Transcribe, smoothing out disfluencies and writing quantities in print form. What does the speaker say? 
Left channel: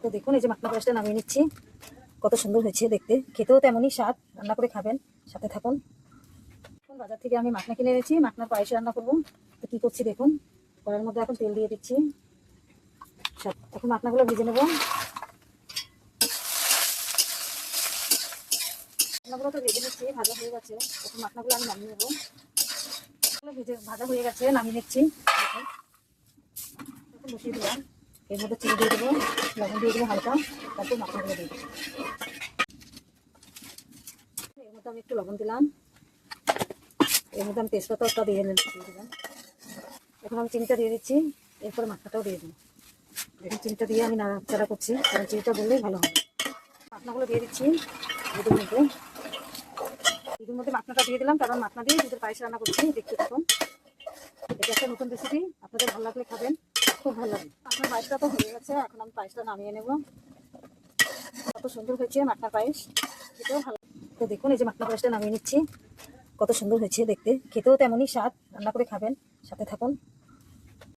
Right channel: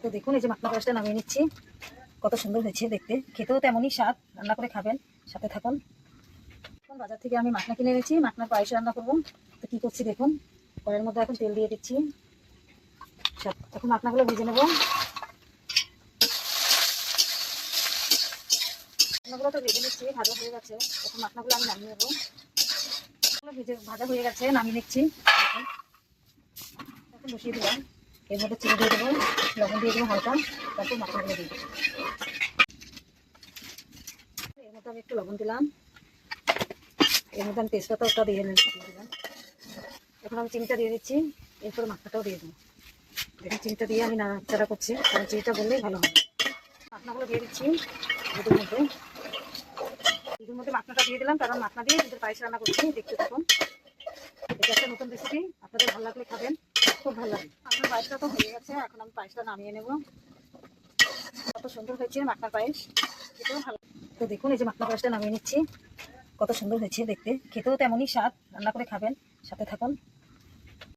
তো দেখুন এই যে মাখনা পায়েসটা নামিয়ে নিচ্ছি। কত সুন্দর হয়েছে দেখতে, খেতেও তেমনই স্বাদ। রান্না করে খাবেন, সাথে থাকুন। এখন বাজার থেকে আমি মাখনা কিনে এনেছি, মাখনার পায়েস রান্না করবো। তো কি করছি দেখুন, কড়াইয়ের মধ্যে এখন তেল দিয়ে দিচ্ছি। এখন মাখনাগুলো ভেজে নেব। মাখনাগুলো তো ভেজে নিচ্ছি, ভাজা হয়ে গেছে। এখন মাখনাগুলো আমি নামিয়ে নেবো। ভাজা হয়ে গেছে, নামিয়ে নিচ্ছি। এখন বসিয়ে দিলাম। এর মধ্যে চিনি দিয়ে দেবো, লবণ দিয়ে দেবো হালকা, তারপর মাখনাগুলো দিয়ে দেবো। এর মধ্যে আমি একটু লবণ দিলাম, এর মধ্যে আমি তেজপাতাটা দিয়ে দিলাম। এখন আমি চিনিটা দিয়ে দিচ্ছি, এরপরে মাখনাটাও দিয়ে দিই। দেখুন চিনিটা দিয়ে আমি নাড়াচাড়া করছি, কারণ চিনিটা বললেই ভালো হবে। মাখনাগুলো দিয়ে দিচ্ছি দুধের মধ্যে। দুধের মধ্যে মাখনাটা দিয়ে দিলাম, কারণ মাখনা দিয়ে দুধের পায়েস রান্না করছি। দেখতে থাকুন, এটা একটা নতুন রেসিপি, আপনাদের ভালো লাগলে খাবেন, খুব ভালো লাগে। আপনার পায়েসটা তো হয়ে গেছে, এখন আমি পায়েসটা নামিয়ে নেব। কত সুন্দর হয়েছে মাখনার পায়েস, খেতেও ভালো। তো দেখুন এই যে মাখনা পায়েসটা নামিয়ে নিচ্ছি। কত সুন্দর হয়েছে দেখতে, খেতেও তেমনই স্বাদ। রান্না করে খাবেন, সাথে থাকুন।